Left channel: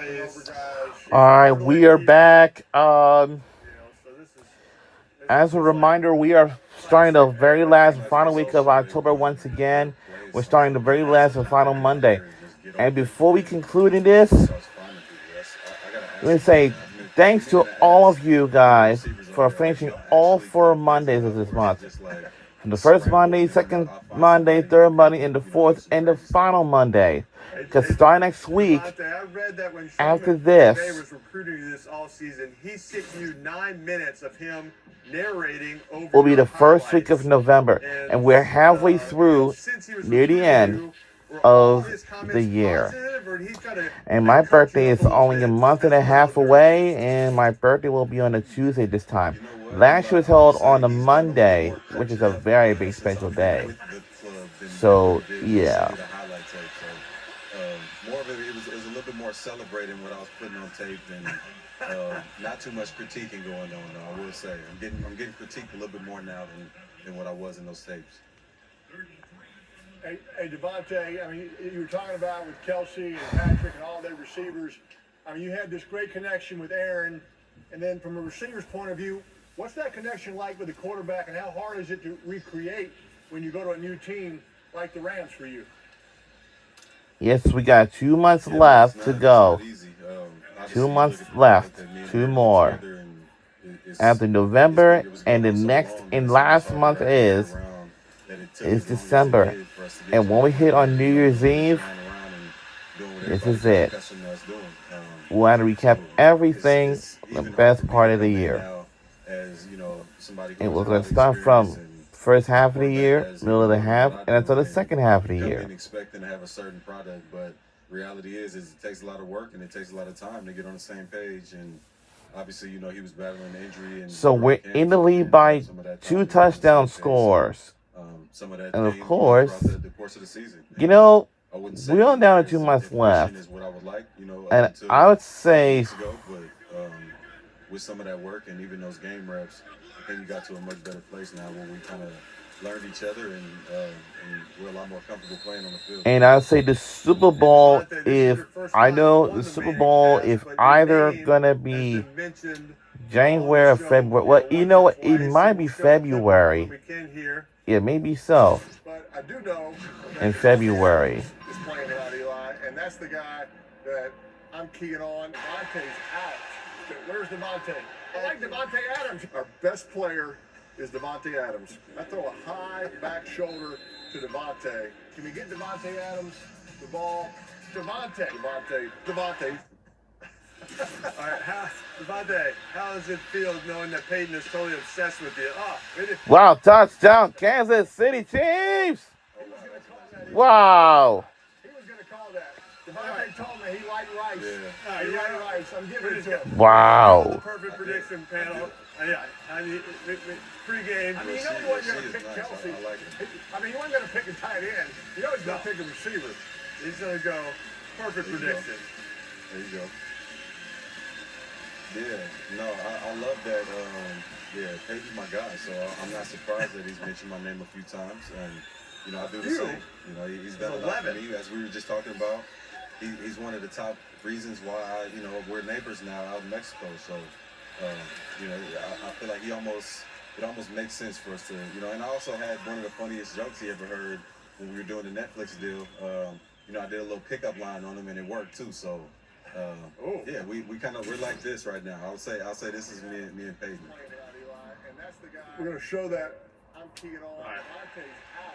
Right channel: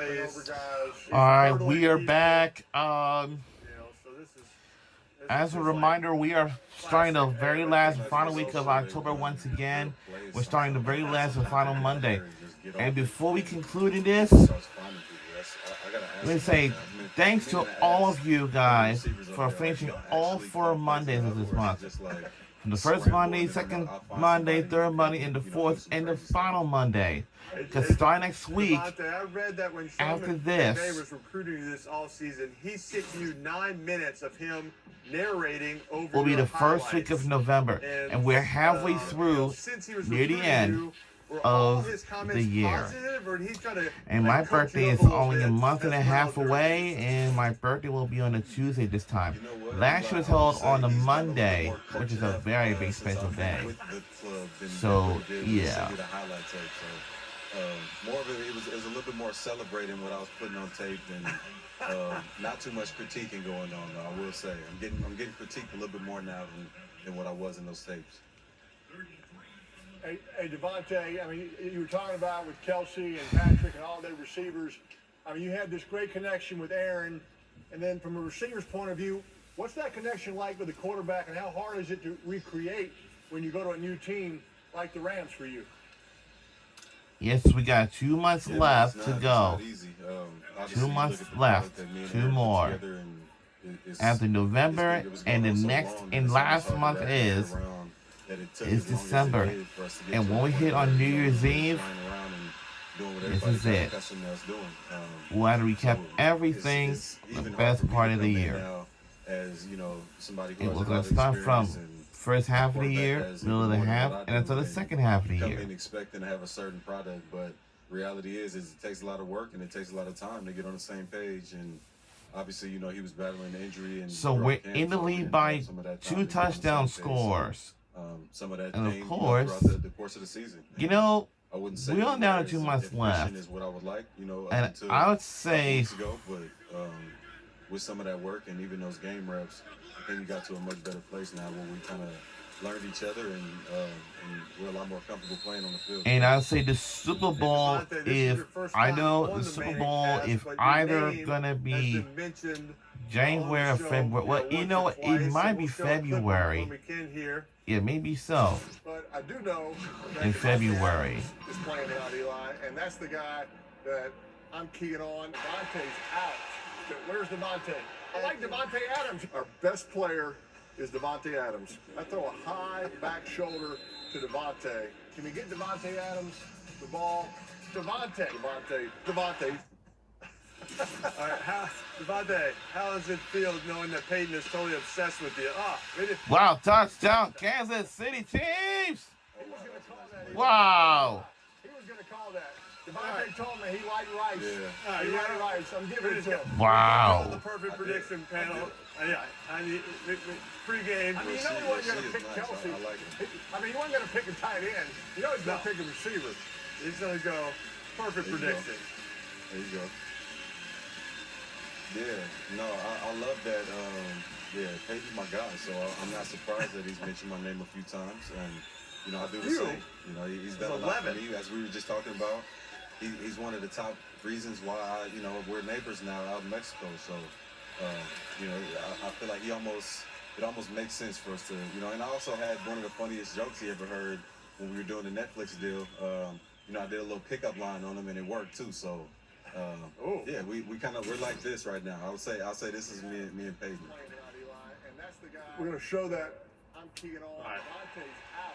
All right, we are back. As a reminder, we are starting the very last and final week of October once again. We're starting the very last and final Monday. And before we conclude in this, let me say thanks to all of you guys for finishing all 4 Mondays of this month. From the first Monday, second Monday, third Monday, and the fourth and the final Monday. Because starting next week, after this, was recruiting this all season. He sent you 9 minutes of him narrating over. Will be the first week of November, and we're halfway through, near the end of the year. And my birthday is only a month and a half away, and my birthday will be on a Tuesday this time. Last year was held on a Monday, which is a very big special day. So, yeah. More of it was a little bit more celebrating what I was putting on tape than not too much critiquing going on. Though, I will say I'm getting critiqued a little bit more now than what I was in those tapes. Hey, Devontae, I mean, you were talking about with Kelsey and Patrick and all their receivers. I mean, you had this great connection with Aaron, and then from a receiver's point of view, what's that connection like with the quarterback, and how hard is it to recreate when you go to a new team like the Rams for you? Yes, we got 2 months left to go. 2 months left. 2 more. After November, and the next and last month is December. And when we hit on New Year's Eve, this is it. We'll have to recap everything, the best part of the year. And we're going to start from first half of the year, middle of the half, and until the second half of the year. I've been expecting to have a certain product, but reality is it takes a lot of work and it takes a lot of time to get on the same page. And obviously, he was battling an injury. And so we're in the lead by 2 touchdown scores. Some of that, and of course, the course of the season. We're only down to 2 months left. And I would say, with some of that work and even those game reps, I think we got to a much better place now where we kind of learned each other and we're a lot more comfortable playing on the field. And I'd say the Super Bowl, if either gonna be January or February. Well, you know what? It might be February. It may be so. But I do know in February. Is playing without Eli, and that's the guy that I'm keying on. Devontae's out. Where's Devontae? I like Devontae Adams. Our best player is Devontae Adams. I throw a high back shoulder to Devontae. Can we get Devontae Adams the ball? Devontae. All right, Devontae, how does it feel knowing that Peyton is totally obsessed with you? Wow, touchdown, Kansas City Chiefs! Wow. He was going to call that. Devontae told me he liked Rice. Yeah. He liked Rice. I'm giving it to him. Wow. The perfect prediction panel. Pre-game. I mean, you know he wasn't going to pick Kelsey. I mean, he wasn't going to pick a tight end. You know he's going to pick a receiver. He's going to go perfect prediction. There you go. Yeah, no, I love that. Peyton's my guy, so I'm not surprised that he's mentioned my name a few times. And, I do the same. He's done a lot for me, as we were just talking about. He's one of the top reasons why, we're neighbors now out in Mexico. So, I feel like it almost makes sense for us to, and I also had one of the funniest jokes he ever heard when we were doing the Netflix deal. I did a little pickup line on him and it worked too. So, yeah, we're like this right now. I'll say this is me and Peyton. We're going to show that I'm keying on. Right. Devontae's out.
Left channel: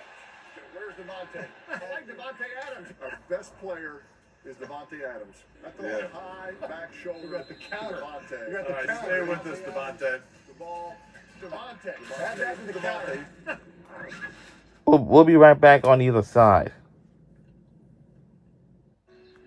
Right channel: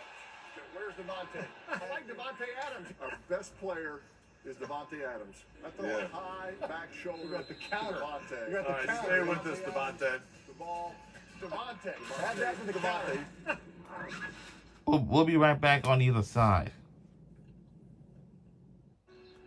Where's Devontae? I like Devontae Adams. Our best player is Devontae Adams. I throw a high back shoulder. You got the counter. Devontae. You got the counter. Stay with us, Devontae. The ball. Devontae. Add that to the counter. We'll be right back on either side.